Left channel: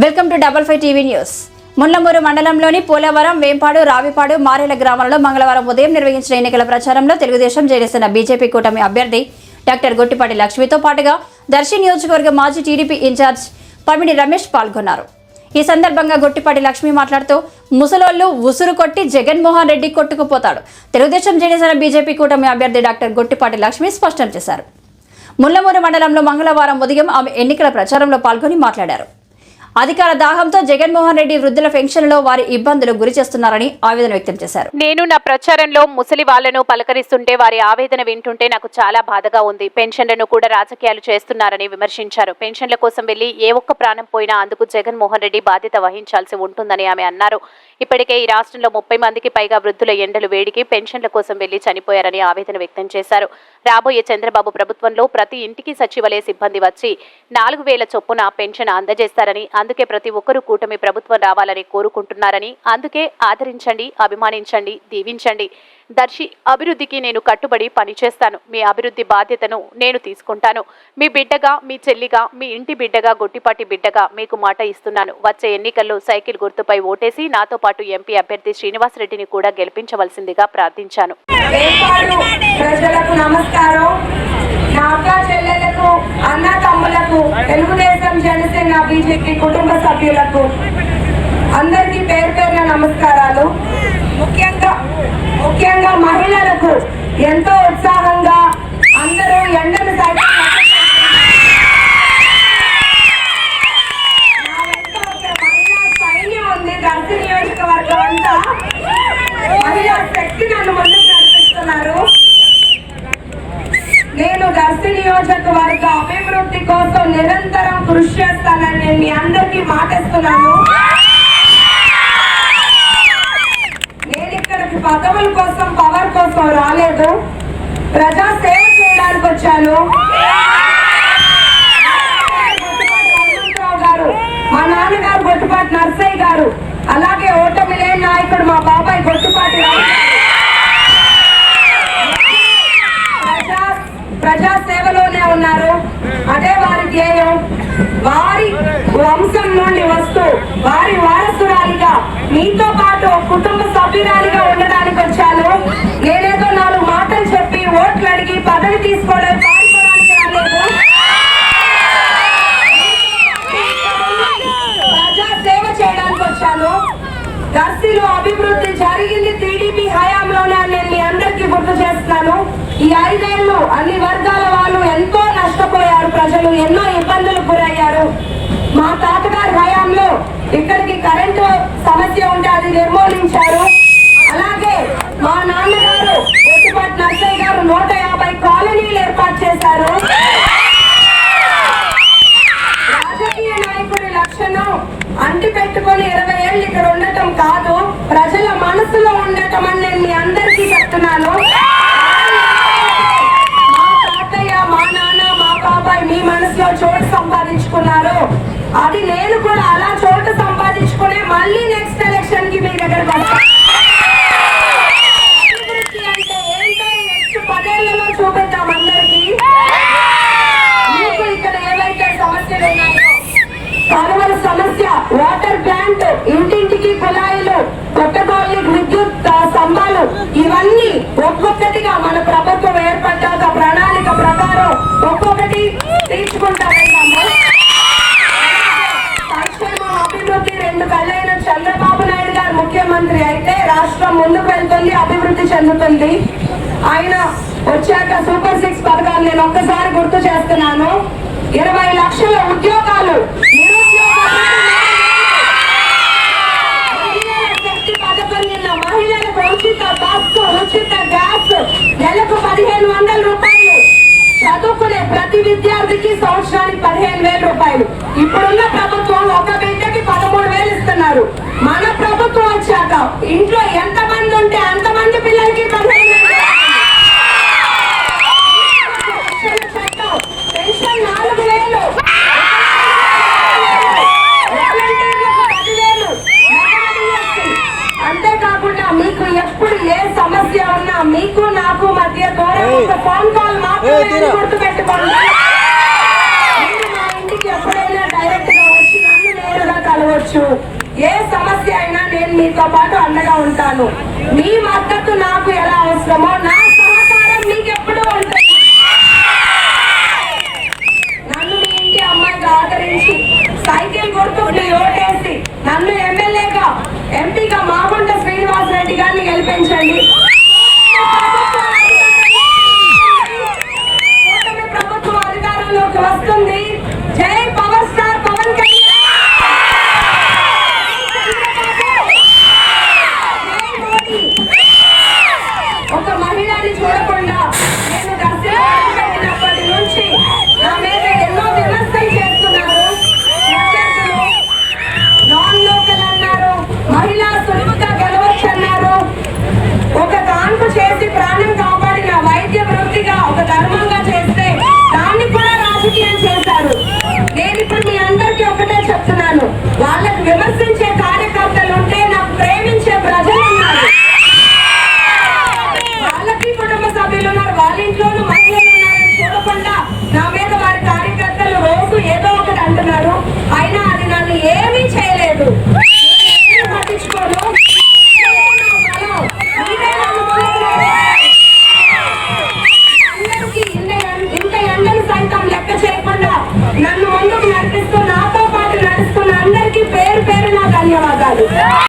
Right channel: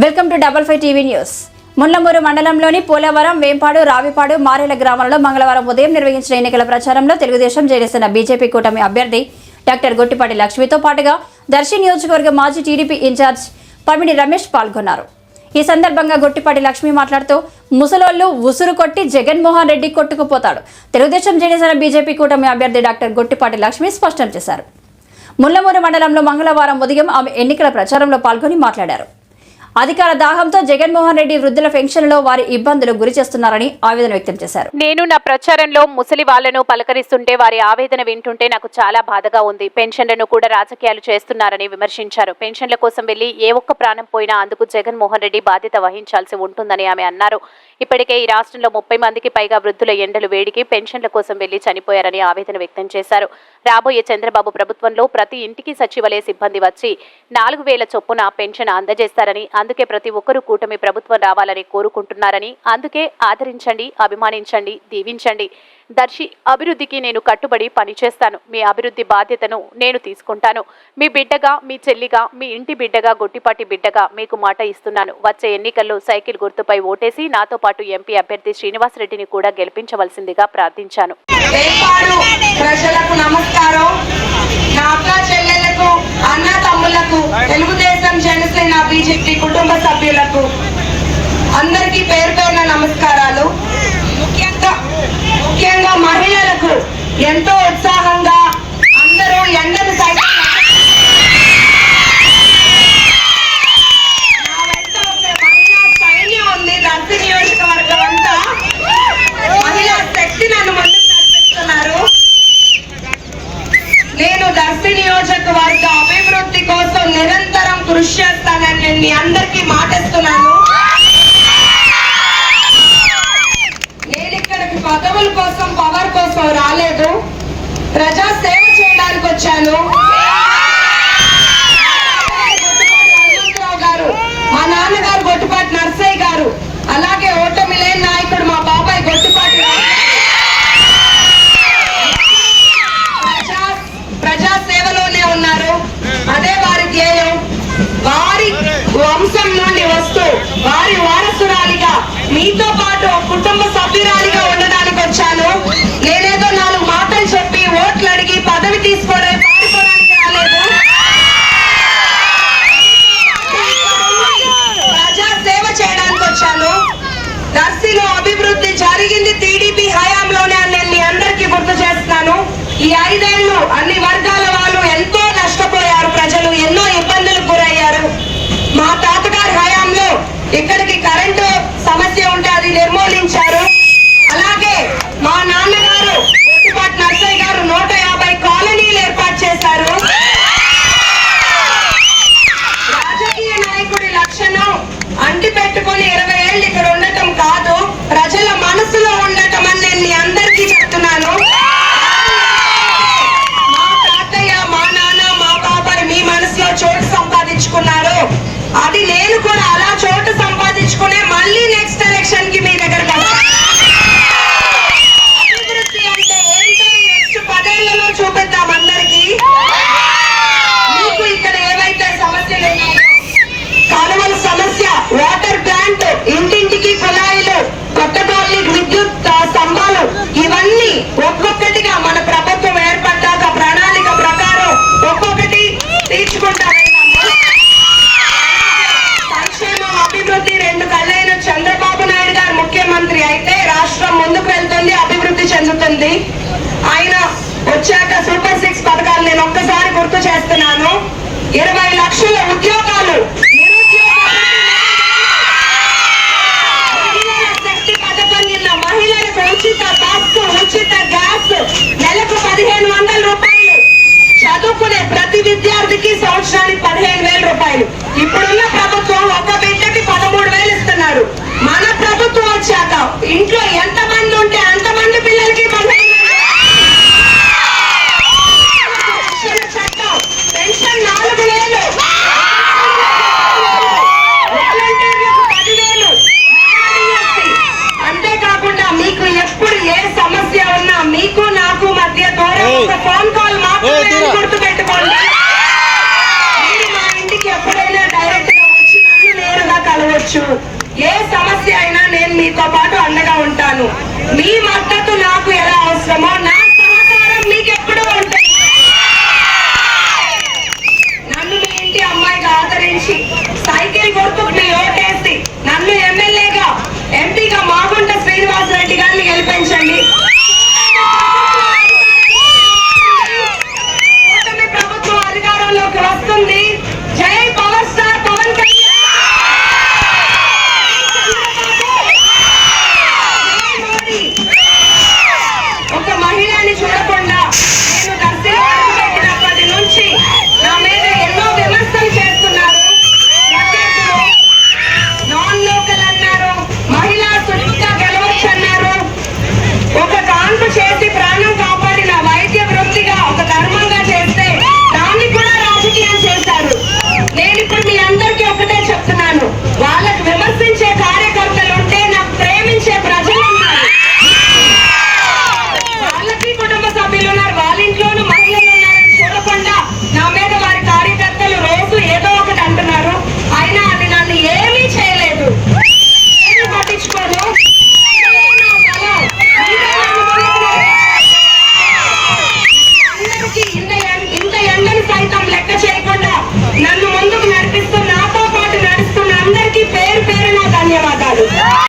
Welcome to double five TV news. Mullamuru మండలంలోని పోలవరం వేంపాడు రావిపాడు మారేల గ్రామాలలో మంగళవారం ఉదయం నిర్వహించిన ఎన్నికల ప్రచారంలో తెలుగుదేశం జనసేన బీజేపీ కూటమి అభ్యర్థి డాక్టర్ గొట్టిపాటి లక్ష్మితో పాటుగా దర్శి నియోజకవర్గ మాజీ టీడీపీ ఇన్ఛార్జ్ పమిడి రమేష్ పాల్గొన్నారు. ఈ సందర్భంగా గొట్టిపాటి లక్ష్మి మాట్లాడుతూ ముసలోళ్ళు ఉసురు కొట్టి జగన్మోహన్ రెడ్డి కొట్టుకుపోతాడు. తెలుగుదేశం జనసేన బీజేపీ కూటమి అభ్యర్థి డాక్టర్ గొట్టిపాటి లక్ష్మి స్పష్టం చేశారు. ముల్లమూరు మండలంలో మంగళవారం ఉదయం ఆమె ఎన్నికల ప్రచారంలో పాల్గొని మాట్లాడారు. అధికార దాహంతో జగన్మోహన్ రెడ్డి వృద్ధుల పెన్షన్లో వారి ఇబ్బందులు గురి చేస్తున్నారని ఆవేదన వ్యక్తం చేశారు. నేను నా ప్రచారంలో ముసలి వాళ్ళను పలకరిస్తుంటే వారి ఆవేదన వింటుంటే నాకు చాలా బాధగా ఉంది. పెన్షన్లను కూడా రాజకీయాలు చేస్తున్నారని విమర్శించారు. పెన్షన్ల కోసం వెళ్ళి ఏ ఒక్క ప్రాణం పోయినా అందుకు జగన్మోహన్ రెడ్డి బాధ్యత వహించాల్సి ఉంటుందని ఆమె అన్నారు. ఇప్పటికే ఈ రాష్ట్రంలో ముప్పై మందికి పైగా వృద్ధుల ఎండలు వేడికి పెన్షన్ల కోసం వెళ్ళి చనిపోయారని ఆవేదన వ్యక్తం చేశారు. రాబోయే చంద్రబాబు ప్రభుత్వంలో ప్రతి ఇంటికి సచివాలయ సిబ్బంది వచ్చి నాలుగు వేల చొప్పున పెన్షన్ అందజేస్తారని అందుకే ప్రతి ఒక్కరూ కూటమి ప్రభుత్వం రావాలని కోరుకుంటున్నారని అందుకే ఆదరించండి అభిమానించండి దీవించండి. దర్శి అభివృద్ధికి నేను కట్టుబడి పనిచేస్తాను. మీ అభివృద్ధి బాధ్యతను నేను తీసుకుంటాను. మీ బిడ్డగా మీ చెల్లిగా మీ ఇంటి బిడ్డగా గొట్టిపాటి బిడ్డగా మీకు మాట ఇస్తున్నాను. వచ్చే ఎన్నికల్లో సైకిల్ గుర్తుపై ఓటేసి నాతో పాటు ఎంపీ అభ్యర్థి శ్రీనివాసరెడ్డిని కూడా గెలిపించవలసిందిగా ప్రార్థించాను. ప్రజలకు నమస్కారం. నా అక్క చెల్లెలకు అన్న తమ్ములకు తెలుగుదేశం జనసేన బీజేపీ కుటుంబ సభ్యులకు అందరికీ పేరు పేరున నమస్కారాలు. ముఖ్యంగా ముఖ్యంగా మహిళలకు ఎంతో ఉత్సాహంగా అందరూ ఎండను సైతం నా వెంట ఒక మహిళా సైన్యం ఉంది దర్శి నియోజకవర్గం అంతా. మహిళా శక్తి నన్ను ముందుకు నడిపిస్తున్నారు. నేను దర్శి నియోజకవర్గ అభివృద్ధి కోసం నిరంతరం కృషి చేస్తానని మీ అందరికీ మాటిస్తున్నాను. పదవుల కోసం పవర్ కోసం చేయడానికి దర్శిలో అభివృద్ధి జరిగింది. టీడీపీ హయాంలోనే అని నేను మీ అందరికీ గుర్తు చేస్తున్నాను. ఈ ఐదేళ్ళు అన్ని వర్గాల వాళ్ళు ఎంతో నష్టపోయారు. ప్రజలు ఎన్నో కొత్తపల్లి విద్యుత్ స్తంభాలు ఇవన్నీ ఒక్కొక్కటిగా మన ప్రభుత్వం ఏర్పడ్డాక ప్రణాళిక ప్రకారం ఒక్కొక్కటి తీర్చుకుంటా సంక్షేమం అభివృద్ధి రెండు కళ్ళైన చంద్రబాబు నాయుడు గారు ముఖ్యమంత్రి అయితే రాష్ట్రం ముందుకు వెళ్తుంది అభివృద్ధి చెందుతుంది. ఆయన వచ్చాక సూపర్ సిక్స్ పథకాలు నేను ఒక్కసారి గుర్తు చేస్తున్నాను. ఇరవై లక్షల ఉద్యోగాలు రూపాయలు ఇప్పుడున్న ప్రభుత్వం ఒక బిడ్డకి పదమూడు వేలు ఇస్తున్నారు. మన ప్రభుత్వం వచ్చాక ఇంట్లో ఎంత మంది ఉంటే అంతమంది పిల్లలకి. పెన్షన్ నాలుగు వేలు. అంతేకాకుండా మీకు ఎప్పుడు ఏ సమస్య ఉన్నా మీకు నాకు మధ్య దూరం. ఒక ఫోన్ కాల్ మాత్రమే గుర్తు పెట్టుకోండి మీరు మా ఇంటికి ఎప్పుడైనా డైరెక్ట్గా వచ్చి నన్ను నేరుగా కలవండి చేయొచ్చు ఏ సమస్య అయినా నేను మీతో పాటు అండగా ఉంటాను. మీ మద్దతు నాకు ఎలా అవసరమో నా